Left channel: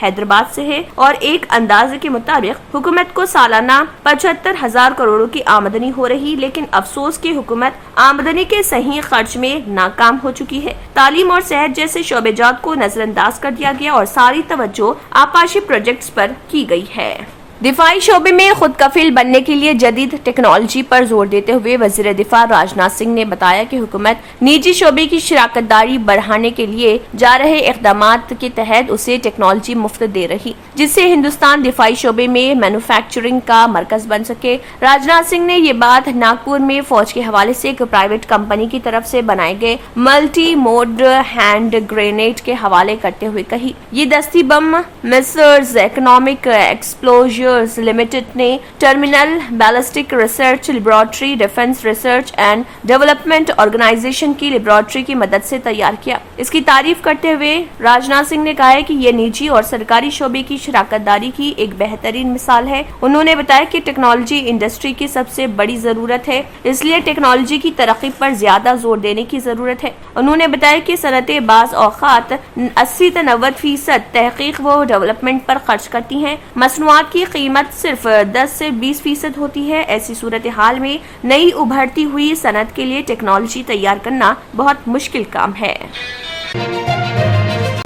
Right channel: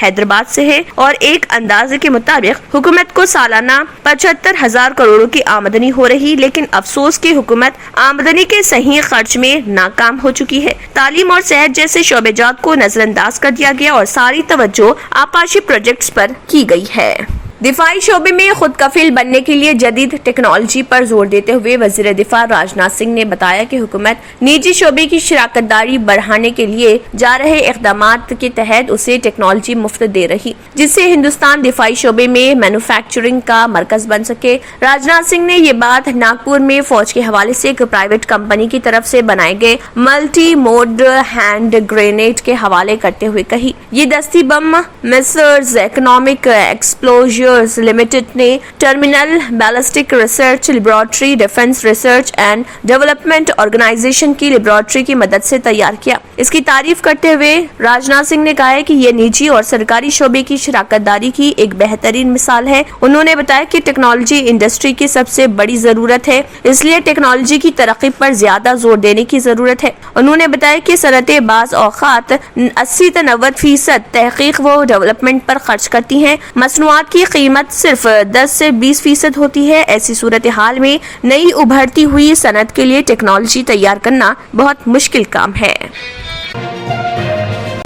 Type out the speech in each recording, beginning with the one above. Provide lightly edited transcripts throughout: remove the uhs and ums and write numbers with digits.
حیدرآباد سے ہے اور ایک اندازے کے مطابق حکومت کو سالانہ 75,000 کروڑ کی آمدنی ہو رہی، لیکن افسوس کی حکومت آمدنی کے صحیح خرچ میں ناکام ہو چکی ہے۔ تعلیم اور صحت جیسے شعبے جات کو نظر انداز کر دیا گیا اور ساری توجہ آبپاشی پروجیکٹس پر کی گئی ہے۔ دفاعی شعبے میں خود کفیل بننے کے لیے جدید ٹیکنالوجی پر زور دیتے ہوئے وزیر دفاع راجناتھ سنگھ نے بتایا کہ حکومت نجی شعبے کی شراکت داری بڑھانے کے لیے جا رہے اقدامات کے تحت اسے ٹیکنالوجی مفت دے رہی، جس سے ہندوستان دفاعی شعبے میں مینوفیکچرنگ کا مرکز بن سکے۔ راجناتھ سنگھ نے یہ بات ناگپور میں فوج کے حوالے سے ایک پرائیویٹ کمپنی کی طرف سے بنائے گئے ملٹی موڈ ہینڈ گرینیڈ کے حوالے کرتے ہوئے کہی۔ یہ دستی بم میسرز اکنامک ایکسپلوژر لمیٹڈ نے terminal ballistic research laboratory defence research and development organisation کی لیبارٹری کی مدد سے تیار کیا۔ اس کی تعریف کرتے ہوئے راجناتھ سنگھ نے کہا ہے کہ یہ نجی اور سرکاری شعبے کی شراکت داری کی ایک بہترین مثال ہے۔ انہوں نے بتایا کہ ٹیکنالوجی انڈسٹری کی سب سے بڑی ضرورت ہے، اس لیے ٹیکنالوجی کی ترقی پر زیادہ زور دینے کی ضرورت ہے۔ انہوں نے بتایا کہ صنعتیں بعض اوقات 80 سے 90% تحقیق و ڈیولپمنٹ پر خرچ کرتی ہیں، مصنوعات کی قیمت صرف 10 سے 20% ہوتی ہے۔ ایسی صورتحال میں نئی ابھرتی ہوئی صنعت کے لیے ٹیکنالوجی تیار کرنا بہت مشکل کام ہے۔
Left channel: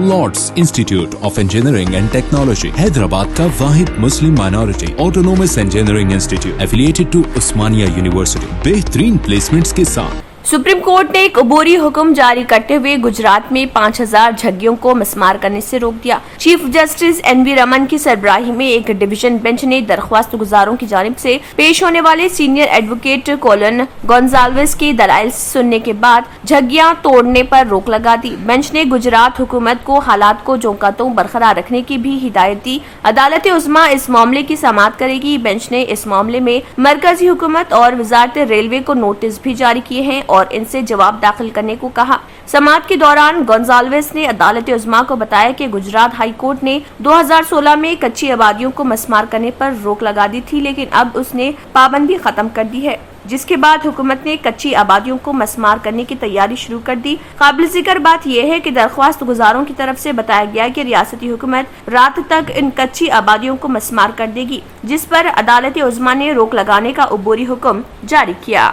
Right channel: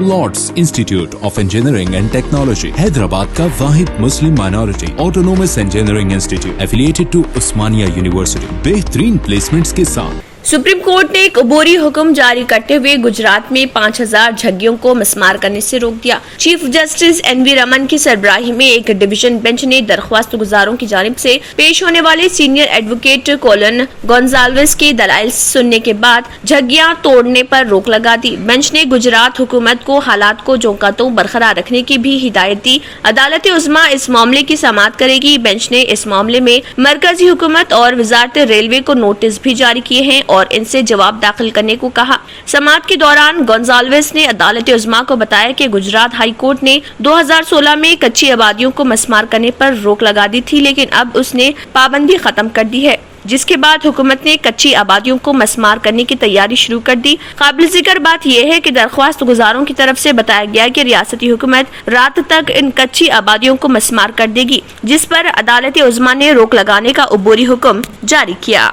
Lords institute of engineering and technology Hyderabad کا واحد مسلم minority autonomous engineering institute affiliated to Osmania university بہترین پلیسمنٹس کے ساتھ۔ سپریم کورٹ نے ایک عبوری حکم جاری کرتے ہوئے گجرات میں 5,000 جھگیوں کو مسمار کرنے سے روک دیا۔ چیف جسٹس این وی رمن کی سربراہی میں ایک ڈویژن بینچ نے درخواست گزاروں کی جانب سے پیش ہونے والے سینئر ایڈوکیٹ کولن گونزالویس کے دلائل سننے کے بعد جھگیاں توڑنے پر روک لگا دی۔ بینچ نے گجرات حکومت کو حالات کو جوں کا توں برقرار رکھنے کی بھی ہدایت دی۔ عدالت عظمیٰ اس معاملے کی سماعت کرے گی۔ بینچ نے اس معاملے میں مرکزی حکومت اور وزارت ریلوے کو نوٹس بھی جاری کیے ہیں اور ان سے جواب داخل کرنے کو کہا۔ سماعت کے دوران گونزالویس نے عدالت عظمیٰ کو بتایا کہ گجرات ہائی کورٹ نے 2016 میں کچی آبادیوں کو مسمار کرنے پر روک لگا دی تھی، لیکن اب اس نے پابندی ختم کر دی ہے، جس کے بعد حکومت نے کچی آبادیوں کو مسمار کرنے کی تیاری شروع کر دی۔ قابل ذکر بات یہ ہے کہ درخواست گزاروں کی طرف سے بتایا گیا کہ ریاستی حکومت رات تک ان کچی آبادیوں کو مسمار کر دے گی، جس پر عدالت عظمیٰ نے روک لگانے کا عبوری حکم جاری کیا۔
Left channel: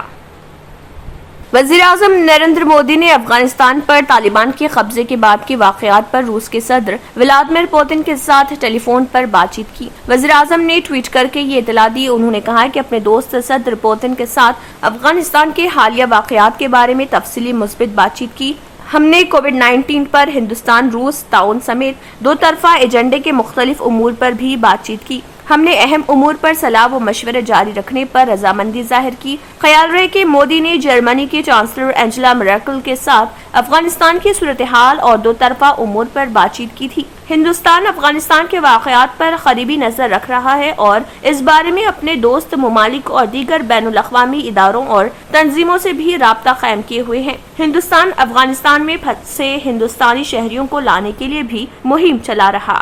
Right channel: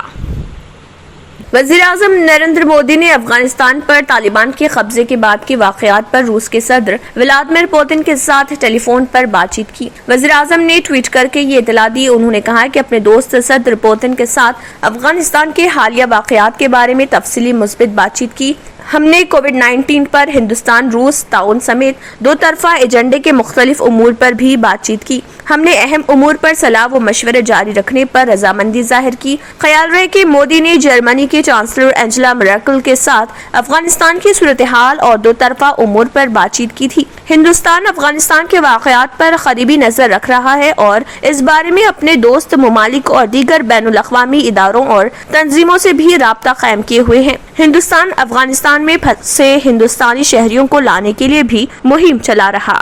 وزیر اعظم نریندر مودی نے افغانستان پر طالبان کے قبضے کے بعد کے واقعات پر روس کے صدر ولادیمیر پوتن کے ساتھ ٹیلی فون پر بات چیت کی۔ وزیر اعظم نے ٹویٹ کر کے یہ اطلاع دی۔ انہوں نے کہا کہ اپنے دوست صدر پوتن کے ساتھ افغانستان کے حالیہ واقعات کے بارے میں تفصیلی مثبت بات چیت کی۔ ہم نے کووڈ-19 پر ہندوستان روس تعاون سمیت دو طرفہ ایجنڈے کے مختلف امور پر بھی بات چیت کی۔ ہم نے اہم امور پر صلاح و مشورے جاری رکھنے پر رضامندی ظاہر کی۔ خیال رہے کہ مودی نے جرمنی کے چانسلر اینجلا مرکل کے ساتھ افغانستان کی صورتحال اور دو طرفہ امور پر بات چیت کی تھی۔ ہندوستان افغانستان کے واقعات پر قریبی نظر رکھ رہا ہے اور اس بارے میں اپنے دوست ممالک اور دیگر بین الاقوامی اداروں اور تنظیموں سے بھی رابطہ قائم کیے ہوئے ہیں۔ ہندوستان افغانستان میں پھنسے ہندوستانی شہریوں کو لانے کے لیے بھی مہم چلا رہا۔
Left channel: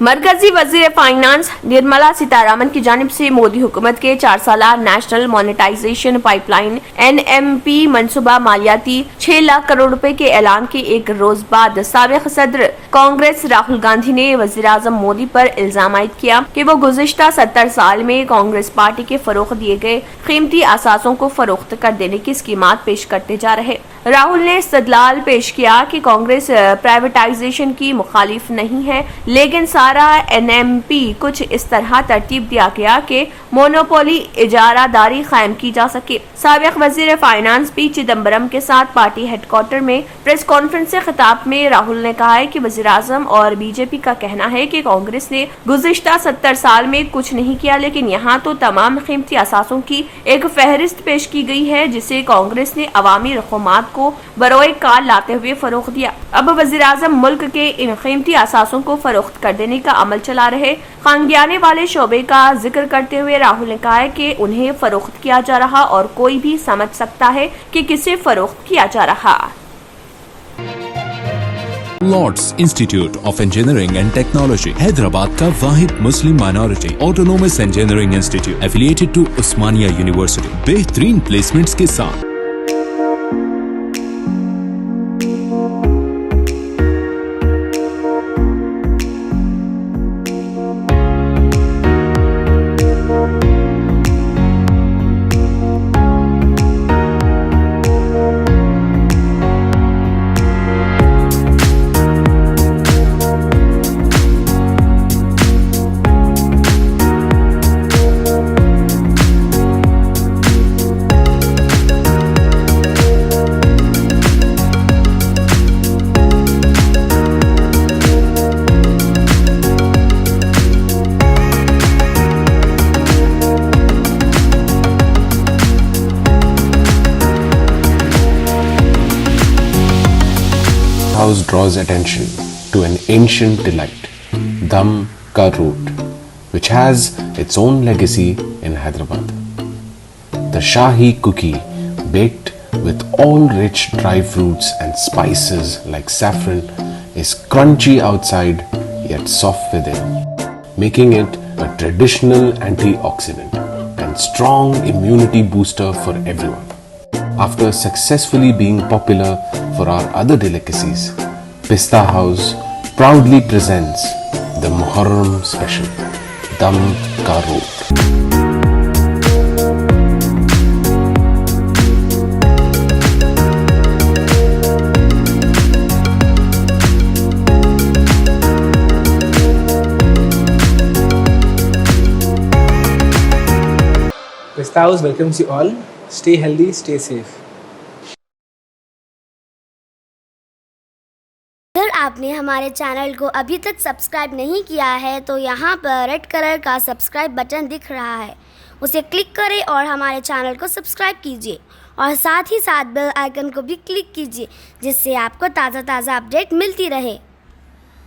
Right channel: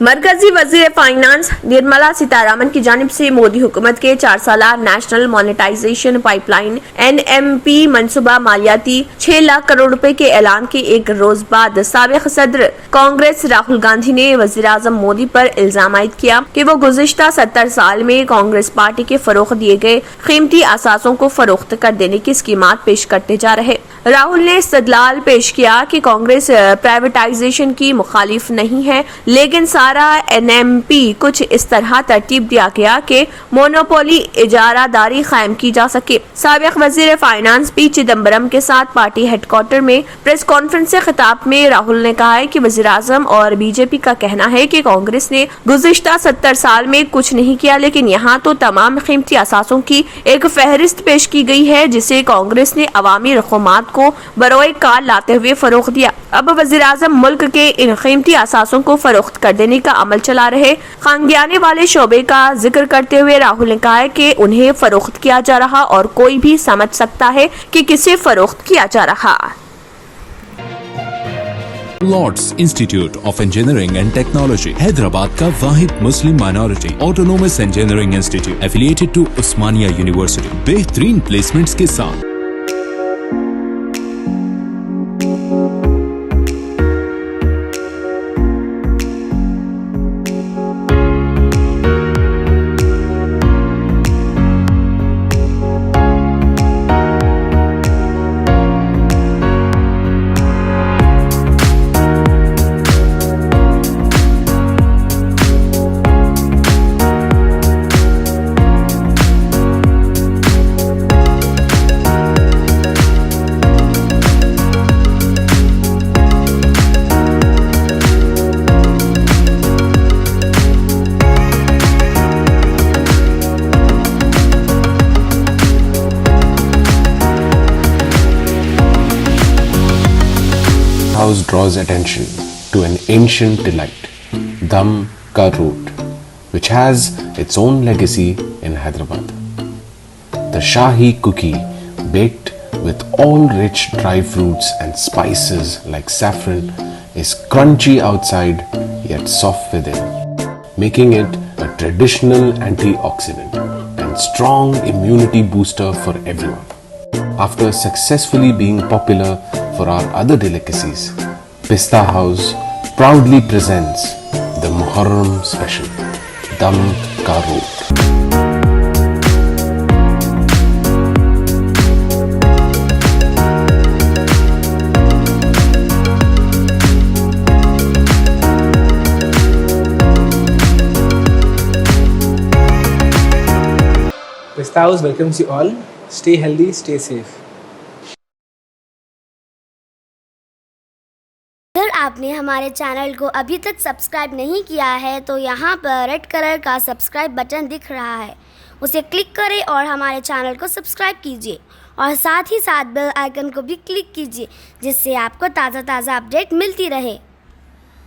مرکزی وزیر فائنانس نرملا سیتارمن کی جانب سے مودی حکومت کے 4 سالہ national monetisation pipe line NMP منصوبہ مالیاتی 6 لاکھ کروڑ روپے کے اعلان کے ایک روز بعد سابق صدر کانگریس راہل گاندھی نے وزیر اعظم مودی پر الزام عائد کیا کہ وہ گزشتہ 70 سال میں کانگریس پارٹی کے فروخت دیے گئے قیمتی اثاثوں کو فروخت کر دینے کی اسکیمات پیش کرتے جا رہے۔ راہل نے استدلال پیش کیا کہ کانگریس پرائیویٹائزیشن کی مخالف نہیں ہے، لیکن سارا NMP کچھ اس طرح ترتیب دیا گیا کہ مونوپولی اجارہ داری قائم کی جا سکے۔ سابق وزیر فائنانس پی چدمبرم کے ساتھ پارٹی ہیڈ کوارٹر میں پریس کانفرنس سے خطاب میں راہل نے کہا ہے کہ وزیر اعظم اور BJP کا کہنا ہے کہ کانگریس نے گزشتہ 70 سال میں کچھ نہیں کیا، لیکن یہاں تو تمام قیمتی اثاثوں کی ایک فہرست پیش کی گئی ہے جسے کانگریس نے عوامی رقومات کو بروئے کار لاتے ہوئے فروخت دیا۔ اب وزیر اعظم ملک کے ان قیمتی اثاثوں کو فروخت کر دینے کا عمل چلا رہے۔ خانگیانے والے شعبے کا ذکر کرتے ہوئے راہل نے کہا ہے کہ انہیں فروخت کیا جا رہا اور کوئی بھی سمجھ سکتا ہے کہ کسے فروخت کیا جا رہا۔ Lords institute of engineering and technology Hyderabad کا واحد مسلم minority autonomous engineering institute affiliated to Osmania university بہترین پلیسمنٹس کے ساتھ۔ House draws attention to an ancient delight, Dum Ka Root, which has its own legacy in Hyderabad. The Shahi cookie, baked with all rich dry fruits and spices like saffron, is crunchy outside yet soft within, making it a traditional antioxidant and strong immunity booster for everyone. After successfully being popular for our other delicacies, Pista House proudly presents the Muharram special, Dum Ka Root. Pista House welcomes you all. Stay healthy, stay safe. اگر آپ نے ہمارے channel کو ابھی تک subscribe نہیں کیا ہے تو یہاں پر ریڈ کلر کا سبسکرائب بٹن دکھ رہا ہے، اسے کلک کریں اور ہمارے چینل کو سبسکرائب کیجیے اور ساتھ ہی ساتھ بیل آئیکن کو بھی کلک کیجیے جس سے آپ کو تازہ اپڈیٹ ملتی رہے۔